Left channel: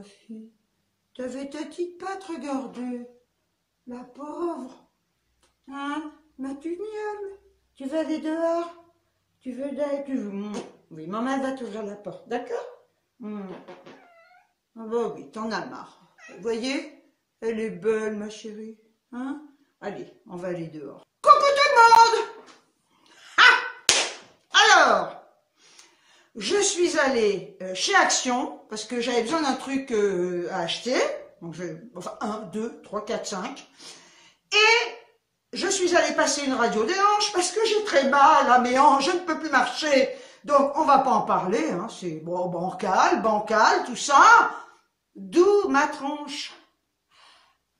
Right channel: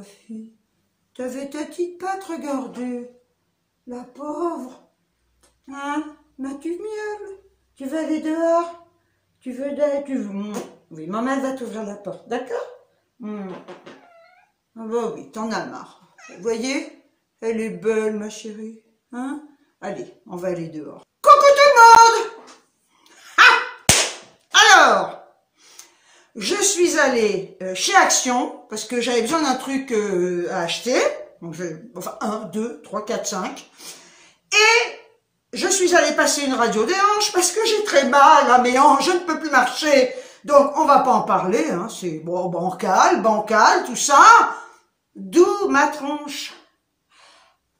ma fille, t'avais ta petite patte, regardez. La pauvre. Hein? M'as-tu mieux? Tu veux aller dehors? Tu veux d'aller? Oui, maman, elle va t'ouvrir la porte, d'accord? Ah bah oui, t'en as marre. Vous voyez? Elle est belle, ma chérie. Hein? Allez, on va aller dehors. Coucou tout le monde! Alors, je suis allée chez Action, parce que j'avais besoin d'un truc à acheter. Donc, enfin, 1, 2, 3, 4, 5. Et je suis allée passer une radio des hanches, parce que j'ai très mal à mes hanches, je ne peux plus marcher. Donc, on va pas en parler, hein. C'est bon, bancal, tout ça. D'où ma tronche.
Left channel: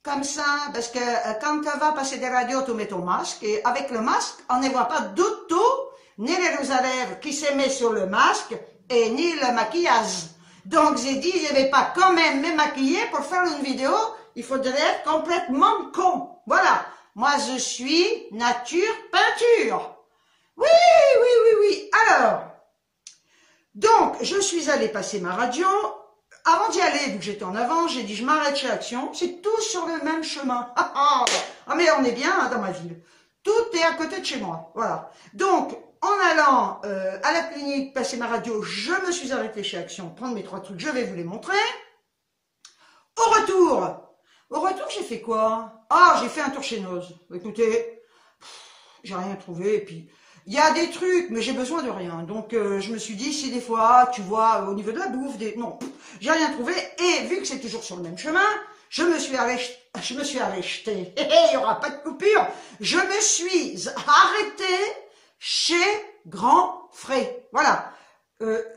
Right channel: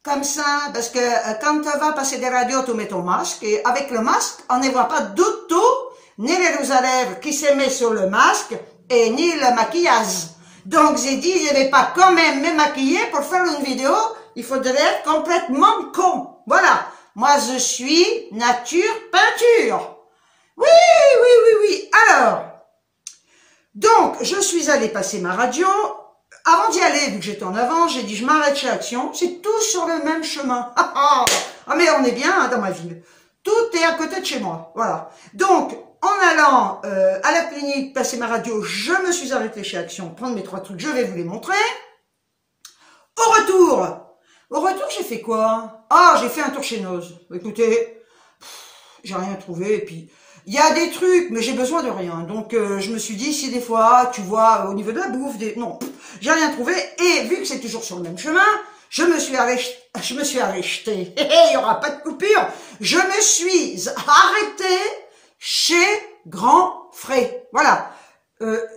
Comme ça, parce que quand tu vas passer des radios, tu mets ton masque, et avec le masque, on ne voit pas du tout, ni les rouges à lèvres qui se met sur le masque, et ni le maquillage. Donc j'ai dit, je ne vais pas quand même me maquiller pour faire une vidéo, il faudrait être complètement con. Voilà, moi je suis nature peinture. Oui. Alors, donc je suis allée passer ma radio. Avant d'y aller, vu que j'étais en avant, j'ai dit je m'arrête chez Action, c'est tout sur le même chemin. Ah mais on est bien hein, dans ma ville. Tout est à côté de chez moi, voilà. Donc, en allant à la clinique passer ma radio, je me suis arrêtée chez Action, prendre mes 3 trucs, je vais vous les montrer. Au retour, j'ai fait quoi? Ah, j'ai fait un tour chez Noz. Écoutez, j'ai rien trouvé, et puis... Il y a des trucs, mais j'ai besoin de rien. Donc, je me suis dit, si des fois, tu vois, au niveau de la bouffe, non, j'ai rien trouvé. Et vu que c'est toujours sur le même chemin, je me suis arrêtée. Il n'y aura pas de coupure. Je me suis arrêtée chez Grand Frais. Voilà.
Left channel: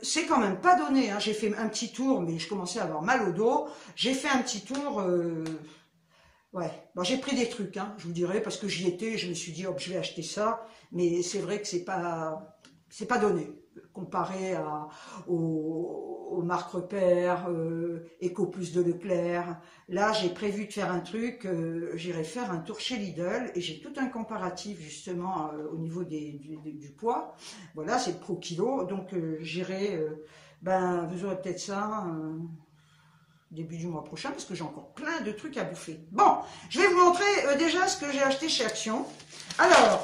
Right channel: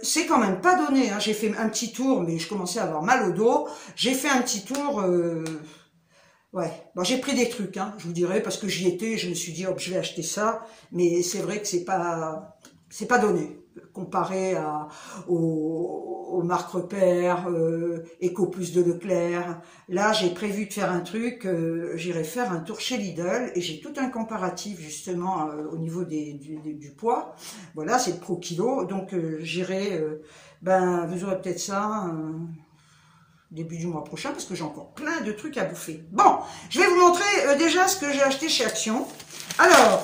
C'est quand même pas donné. Hein. J'ai fait un petit tour, mais je commençais à avoir mal au dos. J'ai fait un petit tour... Ouais, bon, j'ai pris des trucs, hein, je vous dirais, parce que j'y étais, je me suis dit, oh, je vais acheter ça, mais c'est vrai que c'est pas donné, comparé aux marques repères, Eco Plus de Leclerc. Là, j'ai prévu de faire un truc, j'irai faire un tour chez Lidl, et j'ai tout un comparatif, justement, au niveau du poids. Voilà, c'est le Pro Kilo, donc j'irai, vous aurez peut-être ça... début du mois prochain, parce que j'ai encore plein de trucs à bouffer. Bon, je vais vous montrer déjà ce que j'ai acheté chez Action. Alors,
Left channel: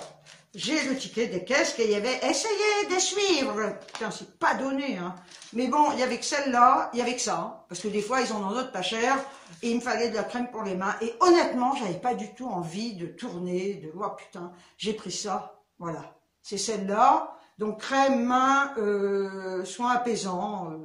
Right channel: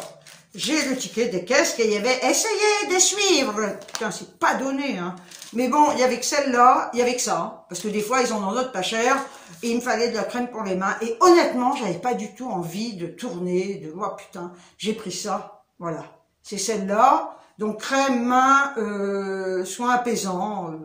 j'ai le ticket des caisses qu'il y avait. Essayez de suivre. Putain, c'est pas donné, hein. Mais bon, il y avait que celle-là, il y avait que ça. Parce que des fois, ils en ont d'autres pas chères. Et il me fallait de la crème pour les mains. Et honnêtement, j'avais pas du tout envie de tourner, de... Oh putain, j'ai pris ça. Voilà. C'est celle-là. Donc, crème, main, soin apaisant,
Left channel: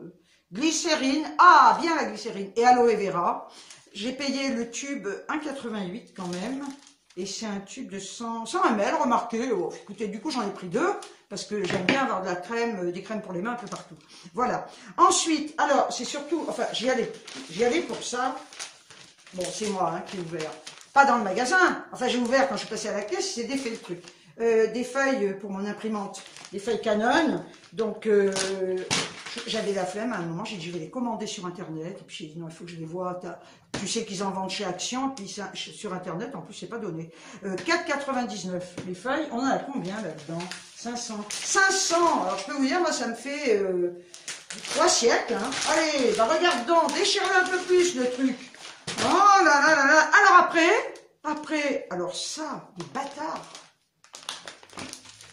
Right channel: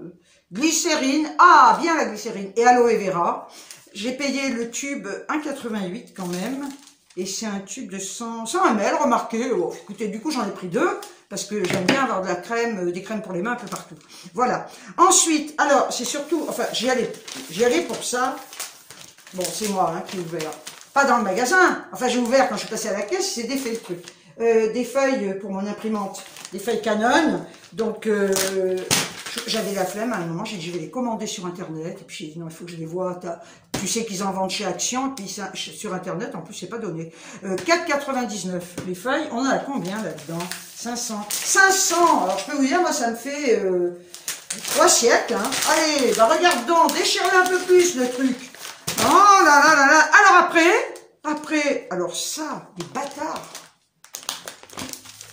glycérine, ah bien la glycérine, et aloe vera. J'ai payé le tube 1,88 quand même, et c'est un tube de 100 ml, remarquez. Oh, écoutez, du coup j'en ai pris 2, parce que j'aime bien avoir de la crème, des crèmes pour les mains un peu partout. Voilà. Ensuite, alors c'est surtout, enfin j'y allais pour ça. Bon, c'est moi hein, qui ai ouvert, pas dans le magasin, enfin j'ai ouvert quand je suis passée à la caisse, c'est défait le truc. Des feuilles pour mon imprimante, des feuilles Canon, donc j'avais la flemme à un moment, j'ai dit je vais les commander sur internet, et puis j'ai dit non il faut que je les vois, tu sais qu'ils en vendent chez Action, et puis ça, sur internet en plus c'est pas donné. 4,99 les feuilles, on en a combien là-dedans? 500, alors je peux vous dire moi ça me fait 3 siècles, hein. Allez, regarde donc, déchirez un peu plus le truc. Oh là là là là, alors après, alors ça, des bâtards.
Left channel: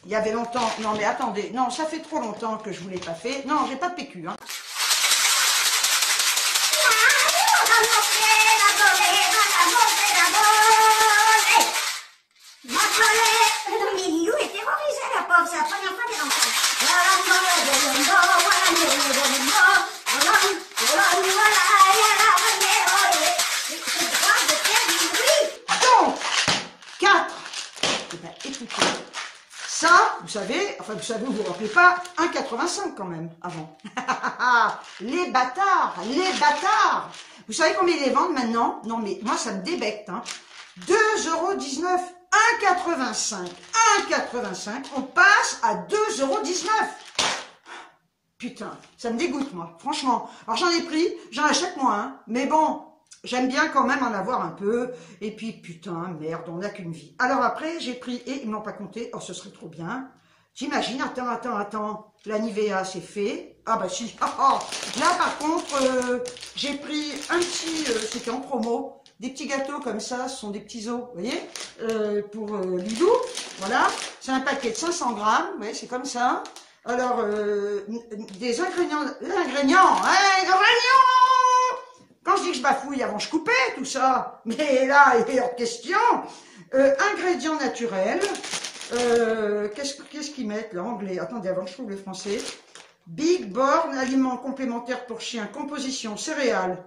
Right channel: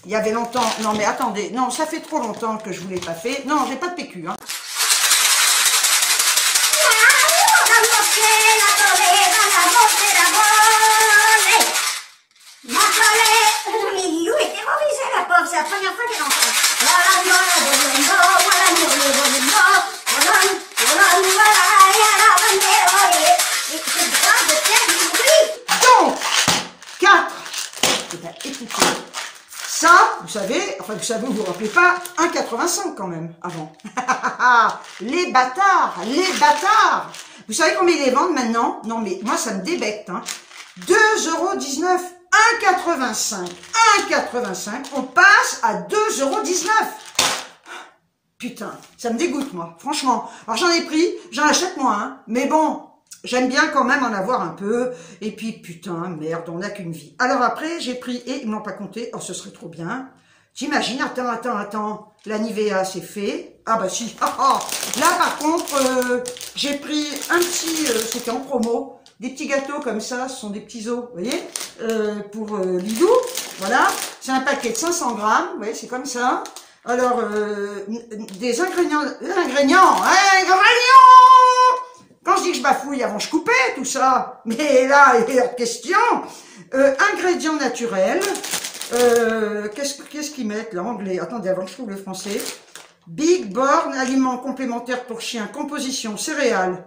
Il y avait longtemps, non mais attendez, non ça fait trop longtemps que je vous l'ai pas fait, non j'ai pas de PQ hein. C'est la première fois qu'elle entend. Donc 4, eh ben, écoutez, ça, vous savez, enfin vous savez, vous vous rappelez pas, 1,85 quand même, avant. Les bâtards. Vous savez combien ils les vendent maintenant? Non mais moi ça me débecte, hein. 2,19 €, 1,85. 1,85, on passe à 2,19 €. Putain, ça me dégoûte moi, franchement. Alors j'en ai pris, j'en achète moins, hein, mais bon, j'aime bien quand même en avoir un peu. Et puis putain, merde, on n'a qu'une vie. Alors après, j'ai pris, et ils m'ont pas compté, oh ce serait trop bien. J'imagine, attends, la Nivea c'est fait. Ah bah si. Là par contre, j'ai pris un petit, c'était en promo, des petits gâteaux comme ça, ce sont des petits os, vous voyez, pour Lidou. Voilà, c'est un paquet de 500 grammes, vous voyez, c'est comme ça. Alors, des ingrédients, quand je dis que je bafouille, avant je coupais tout ça, mais là, il y a question. Ingrédients naturels, qu'est-ce qu'ils mettent là, anglais? Attendez, avant que je trouve le français. Big Born, aliments complémentaires pour chiens, composition, céréales,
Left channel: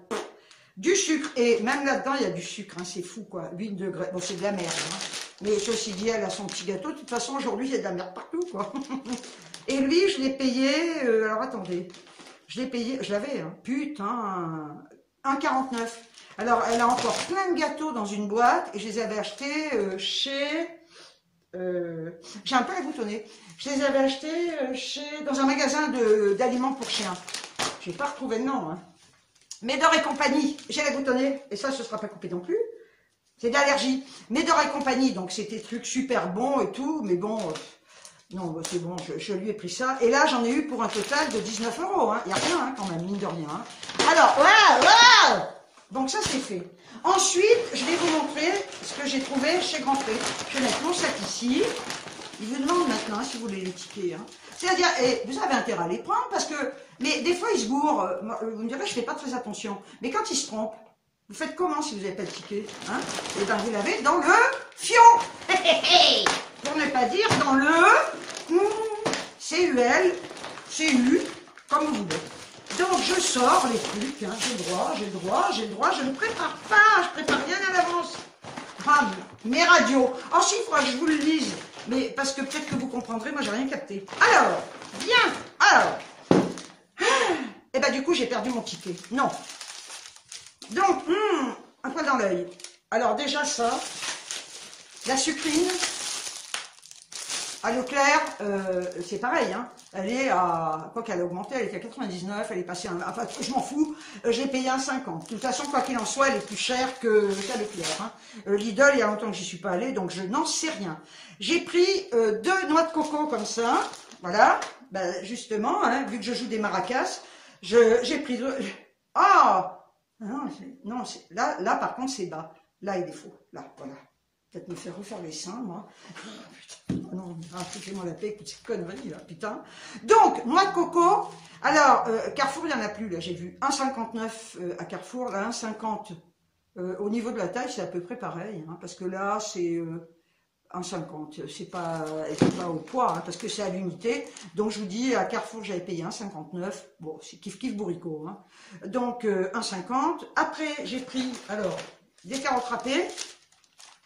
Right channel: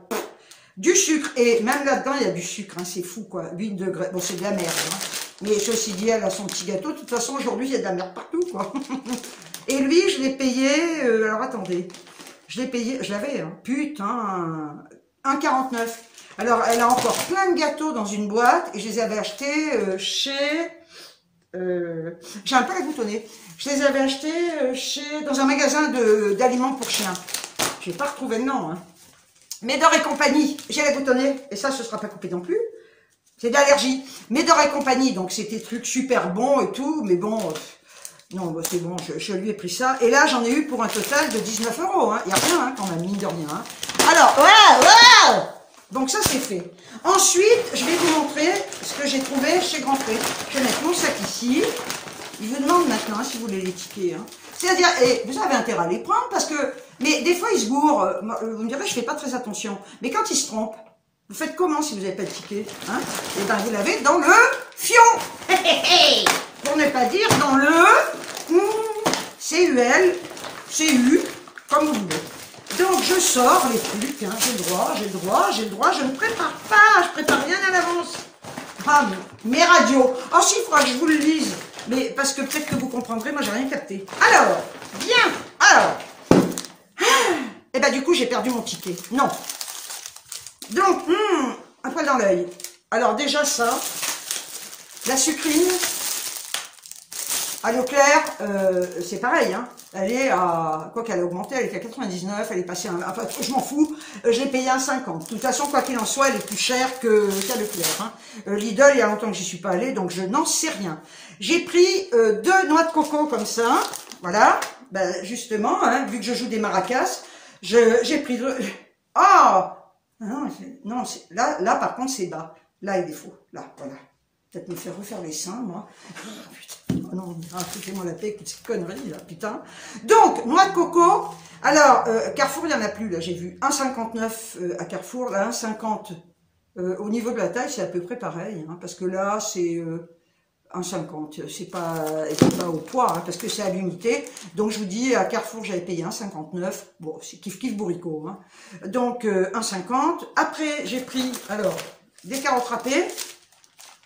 du sucre, et même là-dedans, il y a du sucre, hein, c'est fou quoi, 8 degrés, bon c'est de la merde, hein. Mais ceci dit, elle a son petit gâteau, de toute façon, aujourd'hui, il y a de la merde partout quoi. Et lui, je l'ai payé, alors attendez, je l'ai payé, je l'avais, hein, putain, 1,49. Alors, elle a encore plein de gâteaux dans une boîte, et je les avais achetés chez... j'ai un peu la goutte au nez. Je les avais achetés dans un magasin d'aliments pour chiens. Je n'ai pas retrouvé le nom. Hein. Médor et compagnie. J'ai la goutte au nez. Et ça, ce ne sera pas coupé non plus. C'est d'allergie. Médor et compagnie. Donc, c'était des trucs super bons et tout. Mais bon, non, bah, c'est bon. Je lui ai pris ça. Et là, j'en ai eu pour un total de 19 €. Hein. Il n'y a rien hein, quand même, mine de rien. Hein. Alors, voilà. Donc ça c'est fait. Ensuite, je vais vous montrer ce que j'ai trouvé chez Grand Frais. Je vais mettre mon sac ici. Je vous demande maintenant si vous voulez les tickets. Hein. C'est-à-dire, et vous avez intérêt à les prendre parce que, mais des fois ils se gourrent. Vous me direz, je fais pas très attention. Mais quand ils se trompent, vous faites comment si vous n'avez pas de ticket hein? Et bien vous l'avez dans le fion. Pour ne pas dire dans le CUL, CU, comme vous voulez. Donc je sors les trucs, hein, j'ai le droit, je ne prépare pas, je prépare rien à l'avance. Ah, mes radios. Ensuite, il faudra que je vous le lise, mais parce que peut-être que vous comprendrez, moi j'ai rien capté. Alors, bien, alors, et ben du coup j'ai perdu mon ticket. Non. Donc, un poil dans l'œil. Alors déjà ça, la sucrine. À Leclerc, c'est pareil, hein. Elle est à, quoi qu'elle a augmenté, elle est à 99, elle est passée à, enfin, je m'en fous, je l'ai payé à 50. De toute façon, quoi qu'il en soit, elle est plus chère qu'à Leclerc. Hein. Lidl, il y a longtemps que j'y suis pas allée, donc je n'en sais rien. J'ai pris 2 noix de coco comme ça, voilà, ben, justement, hein, vu que je joue des maracas, j'ai pris 2... Oh non, là par contre c'est bas, là il est faux, là, voilà. Peut-être me faire refaire les seins, moi. Putain, oh non, foutez-moi la paix avec toutes ces conneries, là, putain. Donc, noix de coco. Alors, Carrefour, il n'y en a plus, là, j'ai vu 1,59 à Carrefour, là, 1,50 au niveau de la taille, c'est à peu près pareil, hein, parce que là, c'est 1,50. C'est pas au poids, hein, parce que c'est à l'unité. Donc, je vous dis, à Carrefour, j'avais payé 1,59. Bon, c'est kiff-kiff bourricot. Hein. Donc, 1,50. Après, j'ai pris, alors, des carottes râpées.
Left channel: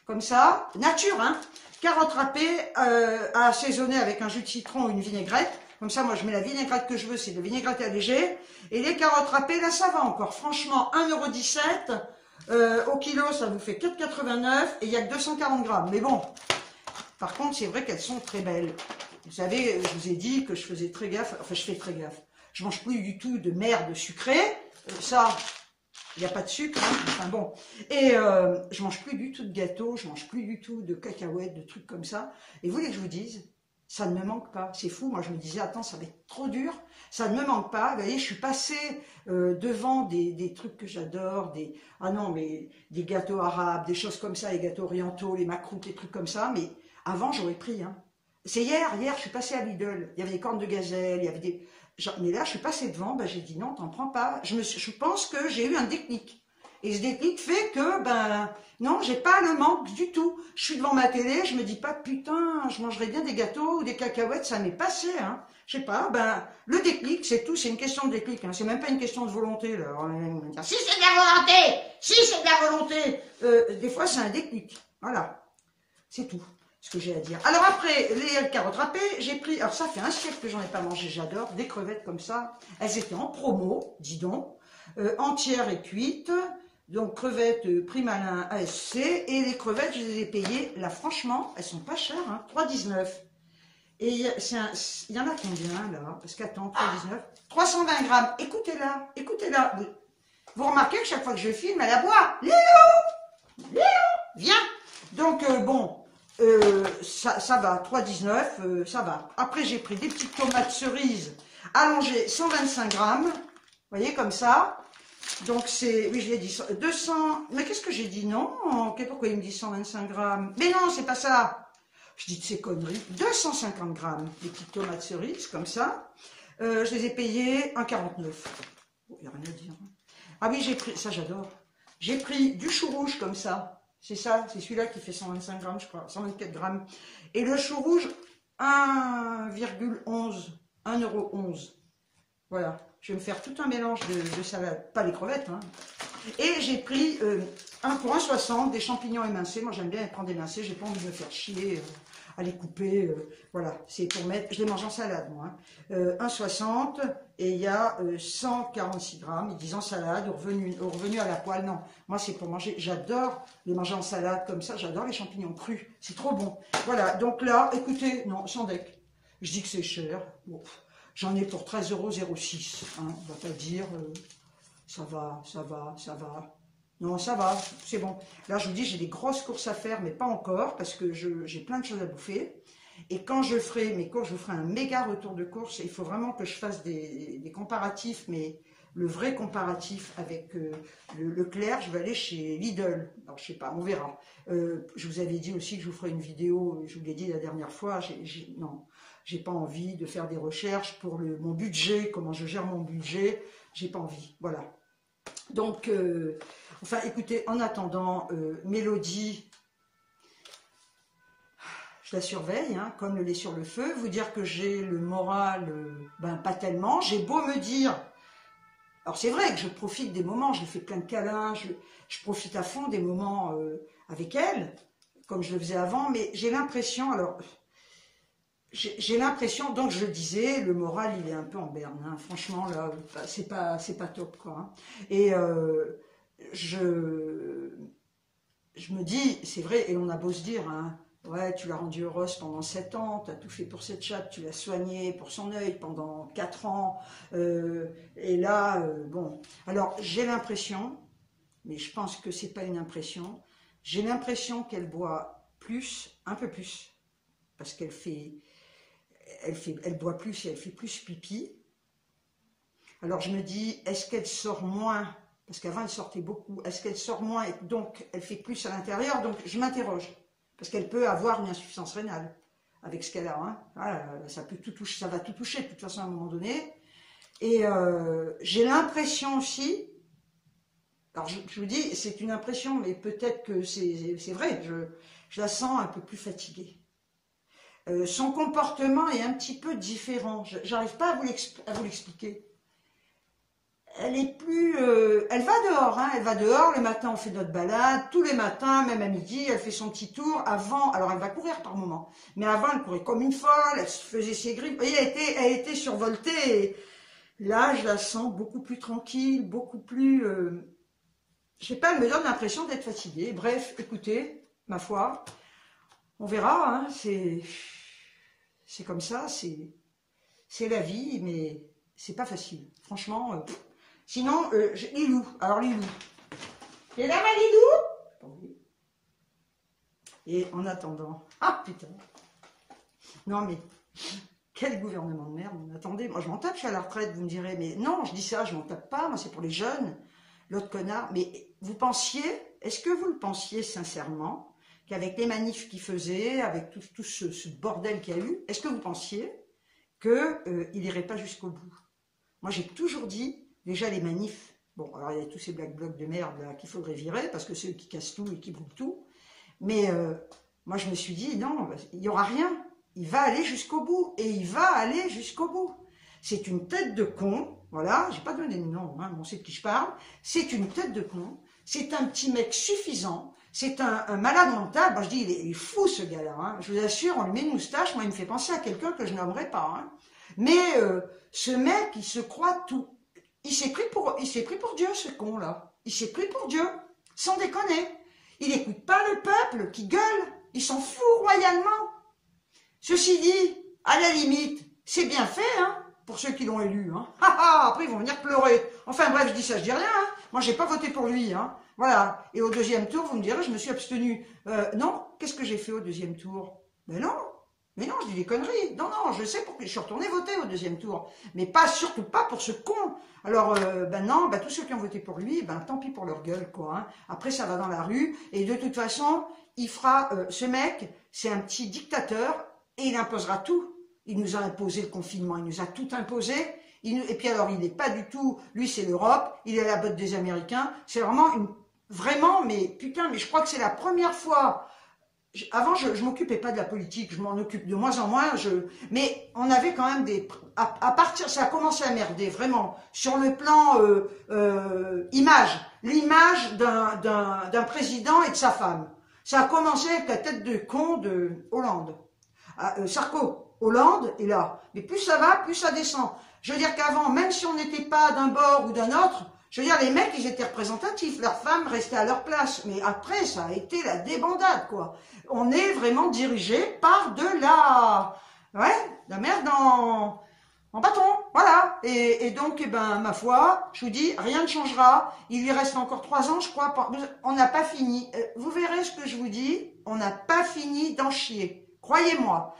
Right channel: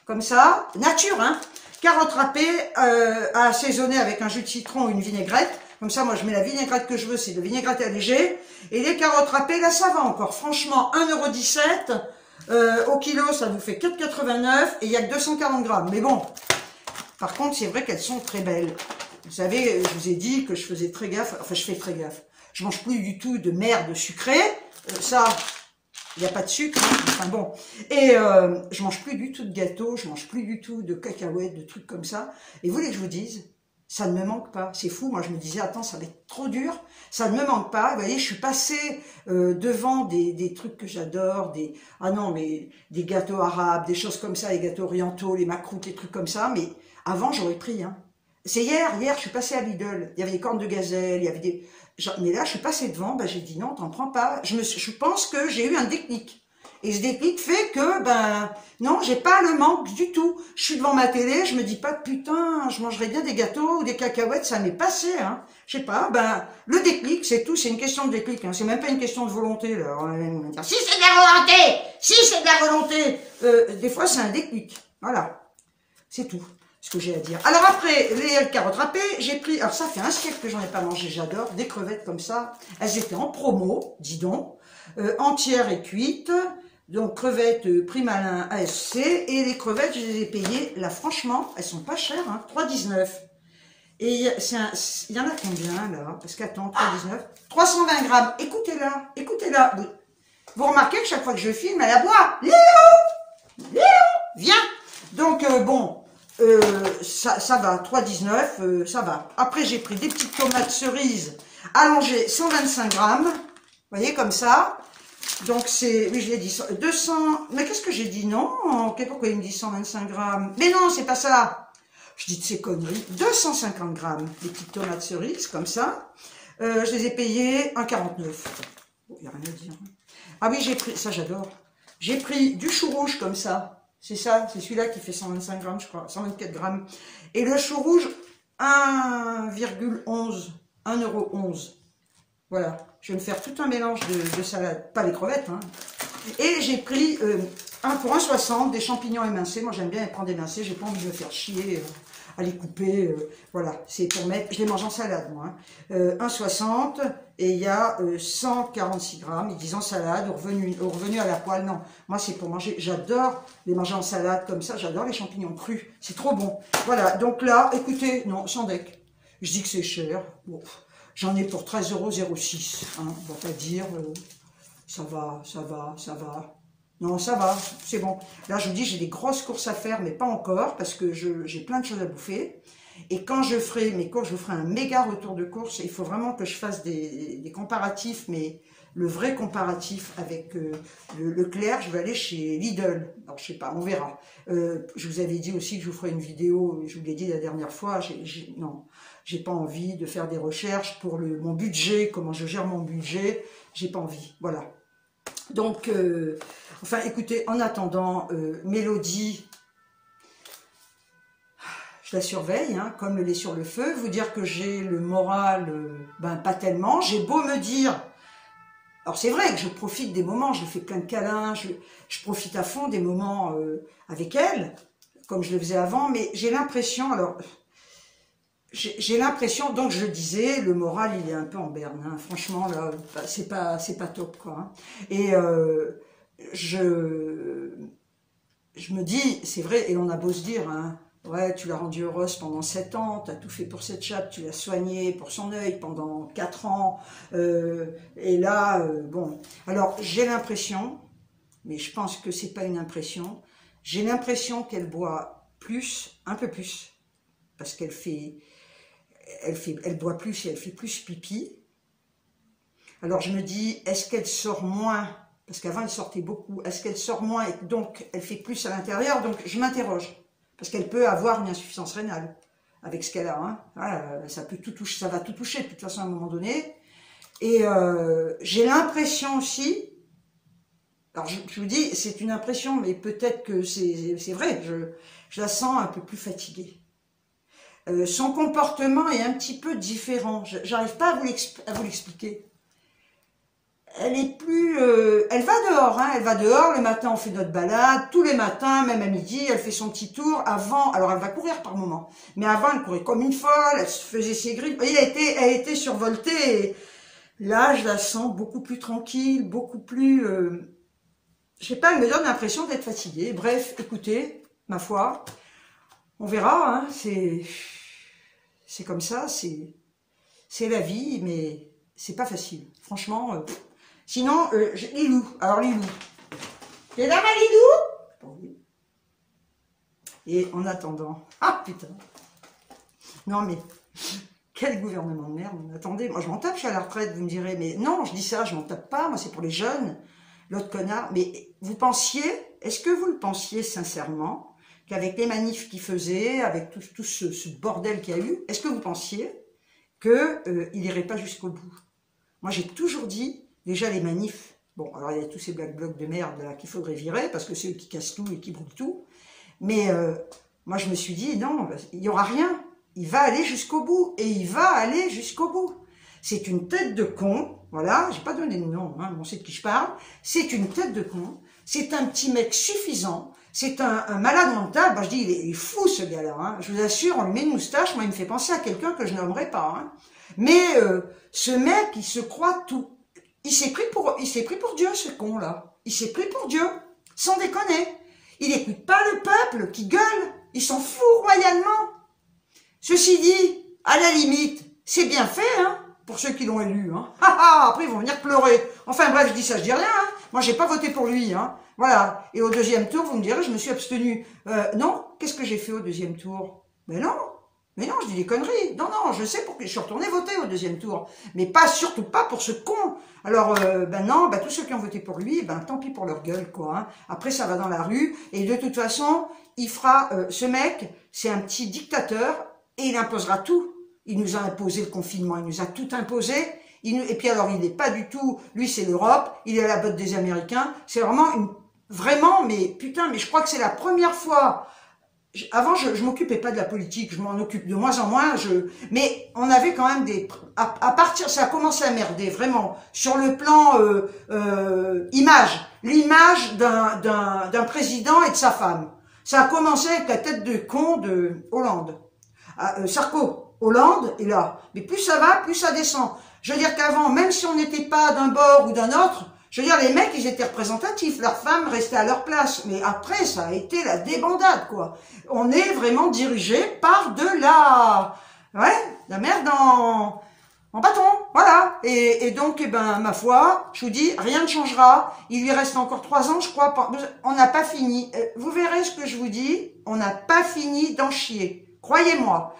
Comme ça, nature, hein. Carottes râpées à assaisonner avec un jus de citron ou une vinaigrette. Comme ça, moi, je mets la vinaigrette que je veux, c'est de vinaigrette allégée. Et les carottes râpées, là, ça va encore. Franchement, 1,17 € au kilo, ça vous fait 4,89 et il n'y a que 240 grammes. Mais bon, par contre, c'est vrai qu'elles sont très belles. Vous savez, je vous ai dit que je faisais très gaffe. Enfin, je fais très gaffe. Je mange plus du tout de merde sucrée. Ça... Il n'y a pas de sucre, hein. Enfin bon. Et je mange plus du tout de gâteaux, je mange plus du tout de cacahuètes, de trucs comme ça. Et vous voulez que je vous dise, ça ne me manque pas. C'est fou, moi je me disais, attends, ça va être trop dur. Ça ne me manque pas. Vous voyez, je suis passée devant des trucs que j'adore, ah non, mais des gâteaux arabes, des choses comme ça, les gâteaux orientaux, les macroutes, les trucs comme ça. Mais avant, j'aurais pris. Hein. C'est hier, je suis passée à Lidl. Il y avait des cornes de gazelle, il y avait des... Mais là, je suis passée devant, ben, j'ai dit non, t'en prends pas. Je pense que j'ai eu un déclic. Et ce déclic fait que, ben, non, j'ai pas le manque du tout. Je suis devant ma télé, je me dis pas, putain, je mangerais bien des gâteaux ou des cacahuètes, ça m'est passé, hein. Je sais pas, ben, le déclic, c'est tout, c'est une question de déclic, hein. C'est même pas une question de volonté, là. Si c'est de la volonté! Si c'est de la volonté! Des fois, c'est un déclic. Voilà. C'est tout. Ce que j'ai à dire. Alors après, les carottes râpées, j'ai pris, alors ça fait un siècle que j'en ai pas mangé, j'adore, des crevettes comme ça, elles étaient en promo, dis donc, entières et cuites, donc crevettes prix malin ASC, et les crevettes, je les ai payées, là franchement, elles sont pas chères, hein, 3,19. Et il y en a combien là? Parce qu'attends, 3,19, 320 grammes, écoutez-la, vous remarquez que chaque fois que je filme, elle aboie, Léo, viens. Donc bon, ça va, 3,19, ça va. Après, j'ai pris des petites tomates cerises allongé 125 grammes. Vous voyez, comme ça. Donc, c'est, oui, je l'ai dit, 200, mais qu'est-ce que j'ai dit? Non, pourquoi il me dit 125 grammes? Mais non, c'est pas ça. Je dis de ces conneries. 250 grammes, des petites tomates cerises, comme ça. Je les ai payées 1,49. Il n'y a rien à dire. Ah oui, j'ai pris, ça j'adore. J'ai pris du chou rouge comme ça. C'est ça, c'est celui-là qui fait 125 grammes, je crois, 124 grammes. Et le chou rouge, 1,11, 1,11 €. Voilà, je vais me faire tout un mélange de salade, pas les crevettes, hein. Et j'ai pris pour 1,60 des champignons émincés. Moi j'aime bien les prendre émincés, j'ai pas envie de me faire chier à les couper. Voilà, c'est pour mettre, je les mange en salade moi. Hein. 1,60 et il y a 146 grammes, ils disent en salade, revenu à la poêle. Non, moi c'est pour manger, j'adore les manger en salade comme ça, j'adore les champignons crus, c'est trop bon. Voilà, donc là, écoutez, non, sans deck, je dis que c'est cher, bon, j'en ai pour 13,06 €, hein, on va pas dire, ça va. Non, ça va, c'est bon. Là, je vous dis, j'ai des grosses courses à faire, mais pas encore, parce que j'ai plein de choses à bouffer. Et quand je ferai mes courses, je vous ferai un méga retour de course. Il faut vraiment que je fasse des comparatifs, mais le vrai comparatif avec le Leclerc, je vais aller chez Lidl. Alors, je sais pas, on verra. Je vous avais dit aussi que je vous ferai une vidéo, je vous l'ai dit la dernière fois, non, j'ai pas envie de faire des recherches pour mon budget, comment je gère mon budget, j'ai pas envie, voilà. Donc, enfin, écoutez, en attendant, Mélodie, je la surveille, hein, comme le lait sur le feu. Vous dire que j'ai le moral, ben pas tellement. J'ai beau me dire, alors c'est vrai que je profite des moments, je lui fais plein de câlins, je profite à fond des moments avec elle, comme je le faisais avant, mais j'ai l'impression, alors... J'ai l'impression, donc je le disais, le moral il est un peu en berne, hein. Franchement là, c'est pas top quoi. Hein. Et je me dis, c'est vrai, et on a beau se dire, hein, ouais, tu l'as rendue heureuse pendant 7 ans, tu as tout fait pour cette chatte, tu l'as soignée pour son œil pendant 4 ans, et là, bon, alors j'ai l'impression, mais je pense que c'est pas une impression, j'ai l'impression qu'elle boit plus, un peu plus, parce qu'elle boit plus et elle fait plus pipi. Alors je me dis, est-ce qu'elle sort moins? Parce qu'avant elle sortait beaucoup. Est-ce qu'elle sort moins et donc elle fait plus à l'intérieur? Donc je m'interroge. Parce qu'elle peut avoir une insuffisance rénale avec ce qu'elle a. Hein. Voilà, ça peut tout toucher, ça va tout toucher de toute façon à un moment donné. Et j'ai l'impression aussi, alors je vous dis, c'est une impression, mais peut-être que c'est vrai, je la sens un peu plus fatiguée. Son comportement est un petit peu différent. J'arrive pas à vous l'expliquer. Elle est plus... elle va dehors, hein, elle va dehors. Le matin, on fait notre balade. Tous les matins, même à midi, elle fait son petit tour. Avant, alors elle va courir par moment. Mais avant, elle courait comme une folle. Elle se faisait ses griffes. Vous voyez, elle était survoltée. Et là, je la sens beaucoup plus tranquille, beaucoup plus... je sais pas, elle me donne l'impression d'être fatiguée. Bref, écoutez, ma foi, on verra, hein, c'est comme ça, c'est la vie, mais c'est pas facile. Franchement, sinon, Lilou. Alors, Lilou. T'es là, ma Lilou? Oui. Et en attendant... Ah, putain. Non, mais... Quel gouvernement de merde. Attendez, moi, je m'en tape, je suis à la retraite, vous me direz. Mais non, je dis ça, je m'en tape pas. Moi, c'est pour les jeunes. L'autre connard. Mais vous pensiez... Est-ce que vous le pensiez sincèrement qu'avec les manifs qu'il faisait, avec tout ce bordel qu'il y a eu, est-ce que vous pensiez qu'il n'irait pas jusqu'au bout? Moi, j'ai toujours dit, déjà les manifs, bon, alors il y a tous ces black blocs de merde là qu'il faudrait virer, parce que c'est eux qui cassent tout et qui brûlent tout, mais moi je me suis dit, non, il n'y aura rien, il va aller jusqu'au bout, et il va aller jusqu'au bout. C'est une tête de con, voilà, j'ai pas donné de nom, hein, on sait de qui je parle, c'est une tête de con, c'est un petit mec suffisant, c'est un malade mental. Ben, je dis, il est fou ce gars-là. Hein. Je vous assure, on lui met une moustache. Moi, il me fait penser à quelqu'un que je n'aimerais pas. Hein. Mais ce mec, il se croit tout. Il s'est pris pour Dieu, ce con-là. Il s'est pris pour Dieu, sans déconner. Il n'écoute pas le peuple qui gueule. Il s'en fout royalement. Ceci dit, à la limite, c'est bien fait, hein, pour ceux qui l'ont élu. Hein. Après, ils vont venir pleurer. Enfin bref, je dis ça, je dis rien. Hein. Moi, j'ai pas voté pour lui. Hein. Voilà, et au deuxième tour, vous me direz, je me suis abstenue. Non, qu'est-ce que j'ai fait au deuxième tour? Ben non, Mais non, je dis des conneries. Non, non, je sais pourquoi je suis retournée voter au deuxième tour. Mais surtout pas pour ce con. Alors, ben non, ben tous ceux qui ont voté pour lui, ben tant pis pour leur gueule, quoi. Hein. Après, ça va dans la rue. Et de toute façon, il fera... ce mec, c'est un petit dictateur et il imposera tout. Il nous a imposé le confinement, il nous a tout imposé. Et puis alors, il n'est pas du tout... Lui, c'est l'Europe, il est à la botte des Américains. C'est vraiment une... Vraiment, mais putain, mais je crois que c'est la première fois... Avant, je m'occupais pas de la politique, je m'en occupe de moins en moins, mais on avait quand même des... À partir, ça a commencé à merder, vraiment, sur le plan image, l'image d'un président et de sa femme. Ça a commencé avec la tête de con de Hollande. Sarko, Hollande est là. Mais plus ça va, plus ça descend. Je veux dire qu'avant, même si on n'était pas d'un bord ou d'un autre, je veux dire, les mecs, ils étaient représentatifs, leurs femmes restaient à leur place. Mais après, ça a été la débandade, quoi. On est vraiment dirigé par de la merde en bâton, voilà. Et donc, eh ben, ma foi, je vous dis, rien ne changera. Il lui reste encore 3 ans, je crois. On n'a pas fini. Vous verrez ce que je vous dis. On n'a pas fini d'en chier. Croyez-moi.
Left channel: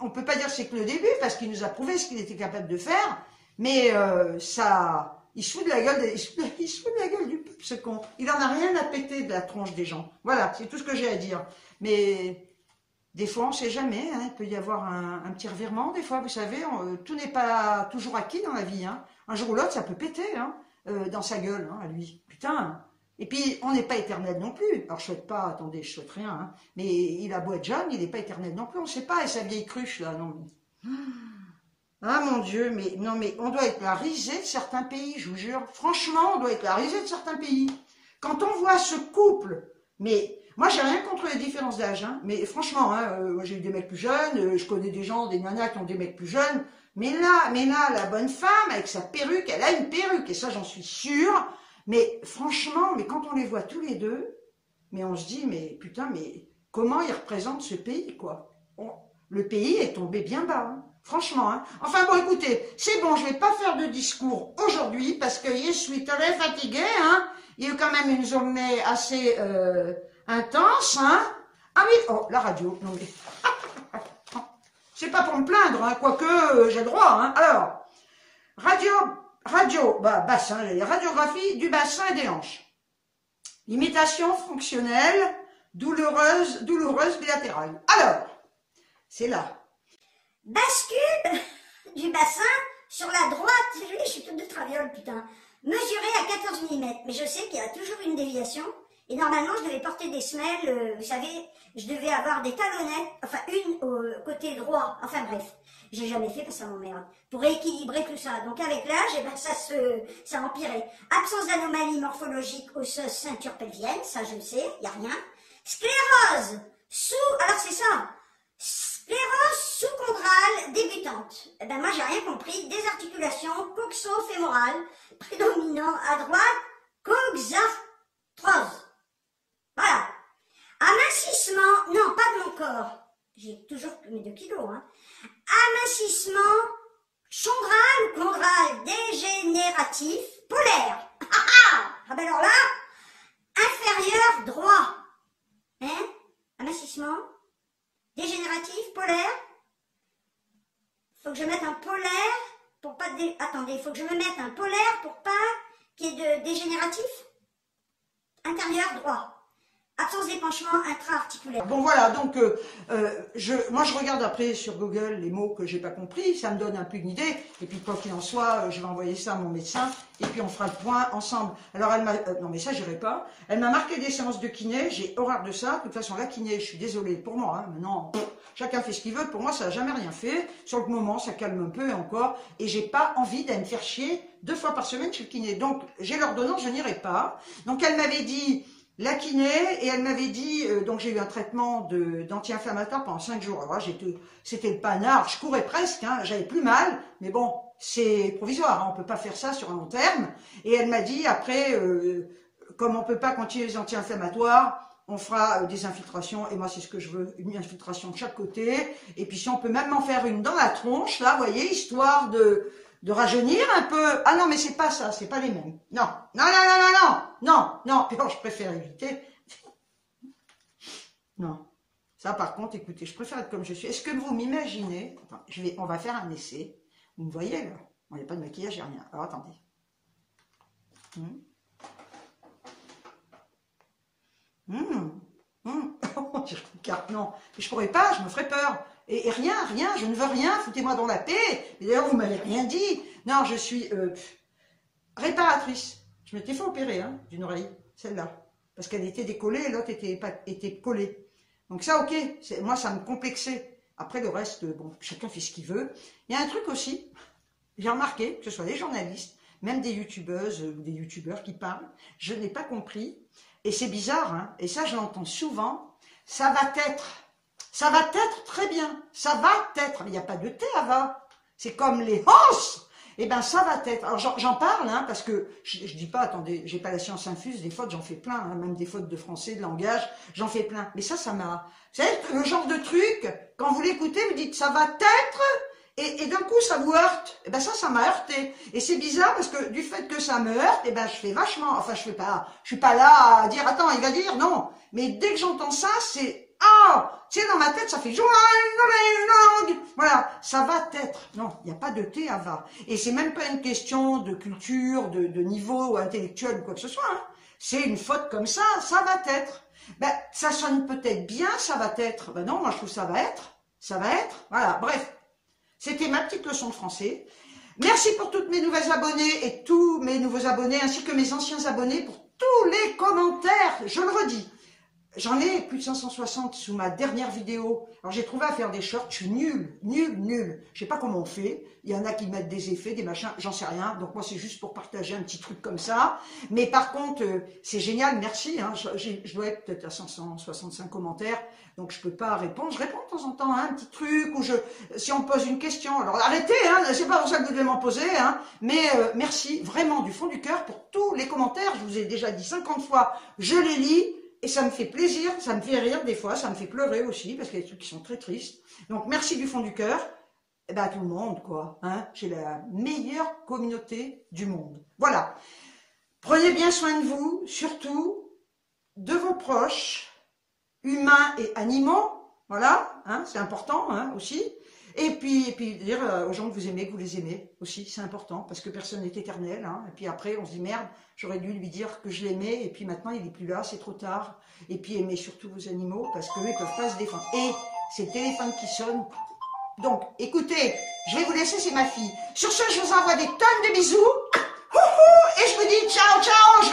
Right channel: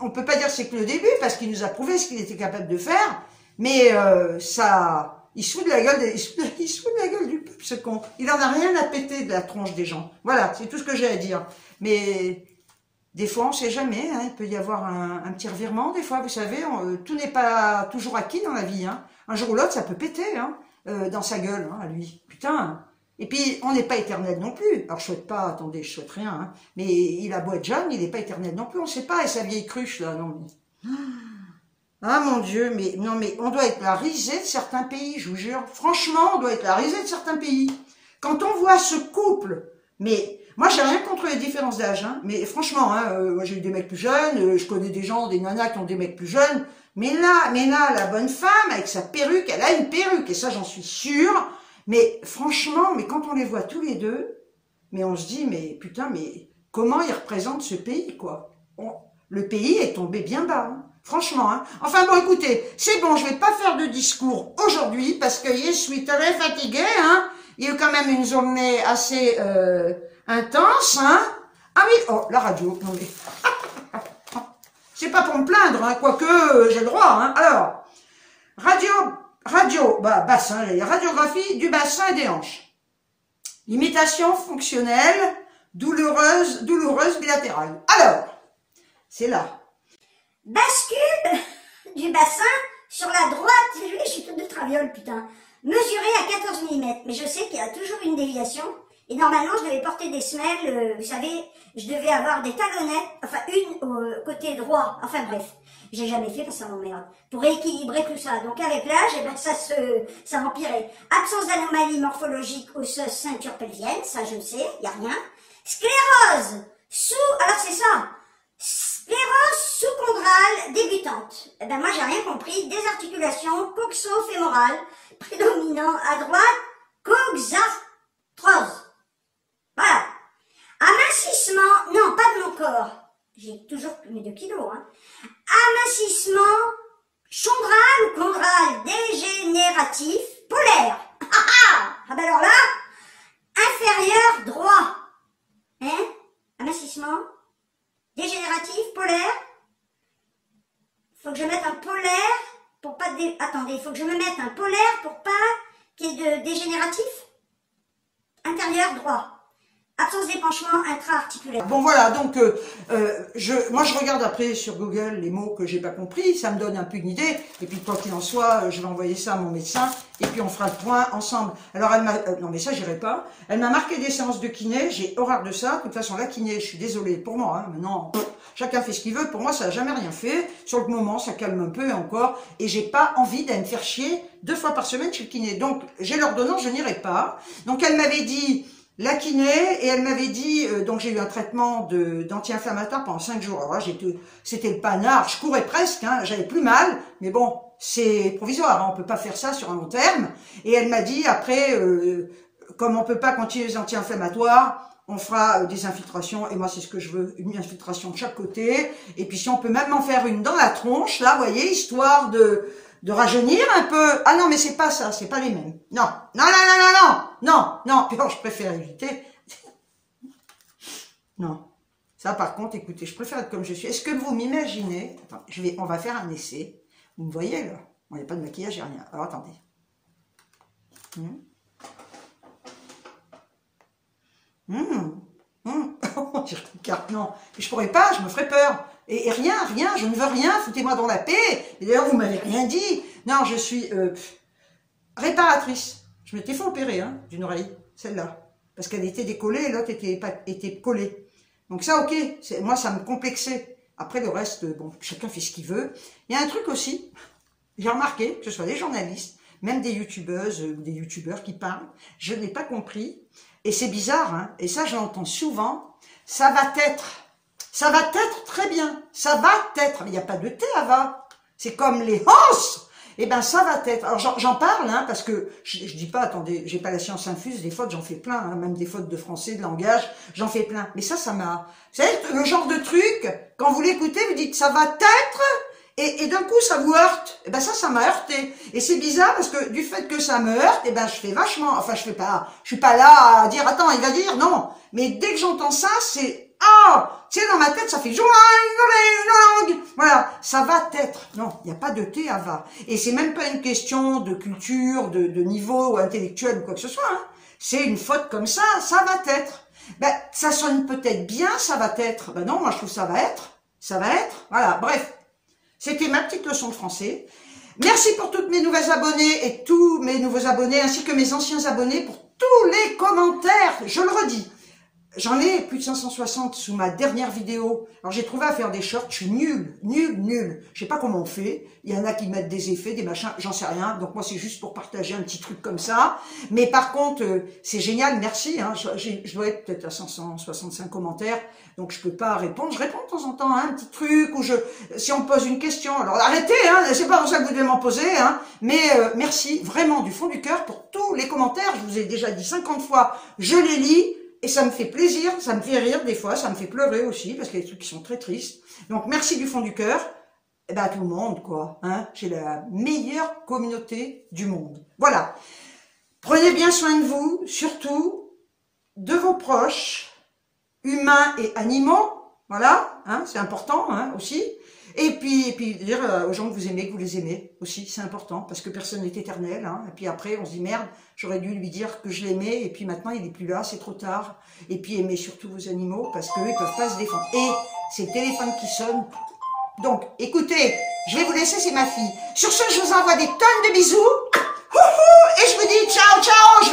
On peut pas dire que c'est que le début, parce qu'il nous a prouvé ce qu'il était capable de faire. Mais il se fout de la gueule, il se fout de la gueule du peuple, ce con. Il en a rien à péter de la tronche des gens. Voilà, c'est tout ce que j'ai à dire. Mais des fois, on ne sait jamais. Hein, il peut y avoir un petit revirement. Des fois, vous savez, tout n'est pas toujours acquis dans la vie. Hein. Un jour ou l'autre, ça peut péter hein, dans sa gueule, hein, à lui. Putain. Et puis, on n'est pas éternel non plus. Alors, je souhaite pas, attendez, je souhaite rien. Hein, mais il a beau être jeune, il n'est pas éternel non plus. On ne sait pas. Et sa vieille cruche, là, non mais... Ah mon Dieu, mais non, mais on doit être la risée de certains pays, je vous jure. Franchement, on doit être la risée de certains pays. Quand on voit ce couple, mais moi j'ai rien contre les différences d'âge, hein, mais franchement, hein, moi j'ai eu des mecs plus jeunes, je connais des gens, des nanas qui ont des mecs plus jeunes, mais là, la bonne femme avec sa perruque, elle a une perruque, et ça j'en suis sûre. Mais franchement, mais quand on les voit tous les deux, mais on se dit, mais putain, mais comment ils représentent ce pays, quoi. Le pays est tombé bien bas, hein. Franchement, hein. Enfin bon, écoutez, c'est bon, je vais pas faire de discours aujourd'hui parce que je suis très fatiguée, hein. Il y a eu quand même une journée assez intense, hein. Ah oui, oh, la radio, non mais... c'est pas pour me plaindre, hein, quoique j'ai le droit, hein. Alors, bassin, radiographie du bassin et des hanches. Limitation fonctionnelle, douloureuse bilatérale. Alors, c'est là. Bascule du bassin sur la droite. Je suis toute de traviole, putain. Mesuré à 14 mm. Mais je sais qu'il y a toujours une déviation. Et normalement, je devais porter des semelles. Vous savez, je devais avoir des talonnettes. Enfin, une au côté droit. Enfin bref. J'ai jamais fait parce que ça m'emmerde. Pour équilibrer tout ça. Donc avec l'âge, eh ben, ça empirait. Absence d'anomalie morphologique osseuse ceinture pelvienne. Ça, je le sais. Il n'y a rien. Sclérose. Alors c'est ça. Sclérose sous-chondrale débutante. Eh ben moi j'ai rien compris. Désarticulation coxo-fémorale, prédominant à droite, coxarthrose. Voilà. Amincissement, non pas de mon corps. J'ai toujours mes 2 kilos. Hein. Amincissement chondral ou chondral dégénératif polaire. Ah ben alors là, inférieur droit. Hein? Amincissement dégénératif, polaire. Faut que je mette un polaire pour pas... Attendez, il faut que je me mette un polaire pour pas qu'il y ait de dégénératif. Intérieur droit. Absence d'épanchement intra-articulaire. Bon voilà, donc moi je regarde après sur Google les mots que j'ai pas compris, ça me donne un peu une idée, et puis quoi qu'il en soit, je vais envoyer ça à mon médecin, et puis on fera le point ensemble. Alors elle m'a, non mais ça j'irai pas, elle m'a marqué des séances de kiné, j'ai horreur de ça, de toute façon la kiné, je suis désolée pour moi, hein, maintenant chacun fait ce qu'il veut, pour moi ça n'a jamais rien fait, sur le moment ça calme un peu encore, et j'ai pas envie d'aller me faire chier 2 fois par semaine chez le kiné, donc j'ai l'ordonnance, je n'irai pas, donc elle m'avait dit... la kiné, et elle m'avait dit, donc j'ai eu un traitement d'anti-inflammatoire pendant 5 jours. Alors là, c'était le panard, je courais presque, hein, j'avais plus mal, mais bon, c'est provisoire, hein, on peut pas faire ça sur un long terme. Et elle m'a dit, après, comme on peut pas continuer les anti-inflammatoires, on fera des infiltrations, et moi c'est ce que je veux, une infiltration de chaque côté, et puis si on peut même m'en faire une dans la tronche, là, vous voyez, histoire de rajeunir un peu. Ah non, mais c'est pas ça, c'est pas les mêmes. Non, non, non, non, non, non, non, non, alors je préfère éviter. Non, Ça, par contre, écoutez, je préfère être comme je suis. Est-ce que vous m'imaginez? Attends, on va faire un essai. Vous me voyez, là? Il n'y a pas de maquillage, il n'y a rien. Alors, attendez. Je regarde, non. Mais je pourrais pas, je me ferais peur. Et rien, je ne veux rien, foutez-moi dans la paix. Et d'ailleurs, vous m'avez rien dit. Non, je suis réparatrice. Je m'étais fait opérer d'une oreille, celle-là. Parce qu'elle était décollée et l'autre était collée. Donc ça, ok, moi, ça me complexait. Après, le reste, bon, chacun fait ce qu'il veut. Il y a un truc aussi, j'ai remarqué, que ce soit des journalistes, même des youtubeuses ou des youtubeurs qui parlent, je n'ai pas compris. Et c'est bizarre, hein, et ça, je l'entends souvent, ça va être très bien, ça va être, mais il n'y a pas de thé à va. C'est comme les os. Eh ben ça va être. Alors j'en parle, hein, parce que je dis pas, attendez, j'ai pas la science infuse, des fautes j'en fais plein, hein, même des fautes de français, de langage, j'en fais plein. Mais ça m'a. Vous savez, le genre de truc, quand vous l'écoutez, vous dites ça va être, et d'un coup ça vous heurte. Eh ben ça m'a heurté. Et c'est bizarre parce que du fait que ça me heurte, eh ben je fais vachement. Enfin je suis pas là à dire attends, il va dire non. Mais dès que j'entends ça, c'est tu sais, dans ma tête, ça fait voilà, ça va être. Non, il n'y a pas de thé à va. Et c'est même pas une question de culture, de niveau intellectuel ou quoi que ce soit. Hein. C'est une faute comme ça va être. Ben, ça sonne peut-être bien, ça va être. Ben non, moi je trouve ça va être. Ça va être. Voilà, bref. C'était ma petite leçon de français. Merci pour toutes mes nouvelles abonnées et tous mes nouveaux abonnés, ainsi que mes anciens abonnés pour tous les commentaires. Je le redis. J'en ai plus de 560 sous ma dernière vidéo. Alors j'ai trouvé à faire des shorts, je suis nul. Je sais pas comment on fait. Il y en a qui mettent des effets, des machins, j'en sais rien. Donc moi c'est juste pour partager un petit truc comme ça. Mais par contre, c'est génial, merci. Hein. Je dois être peut-être à 565 commentaires. Donc je peux pas répondre. Je réponds de temps en temps à un petit truc ou si on me pose une question. Alors arrêtez, hein, c'est pas pour ça que vous devez m'en poser. Hein. Mais merci vraiment du fond du cœur pour tous les commentaires. Je vous ai déjà dit 50 fois, je les lis. Et ça me fait plaisir, ça me fait rire des fois, ça me fait pleurer aussi, parce qu'il y a des trucs qui sont très tristes. Donc merci du fond du cœur, et ben à tout le monde, quoi. Hein. J'ai la meilleure communauté du monde. Voilà. Prenez bien soin de vous, surtout de vos proches, humains et animaux. Voilà, hein, c'est important hein, aussi. Et puis dire aux gens que vous aimez, que vous les aimez aussi, c'est important, parce que personne n'est éternel. Hein. Et puis après, on se dit, merde, j'aurais dû lui dire que je l'aimais, et puis maintenant, il n'est plus là, c'est trop tard. Et puis aimez surtout vos animaux, parce qu'eux, ils ne peuvent pas se défendre. Et c'est le téléphone qui sonne. Donc, écoutez, je vais vous laisser, c'est ma fille. Sur ce, je vous envoie des tonnes de bisous. Et je vous dis ciao, ciao.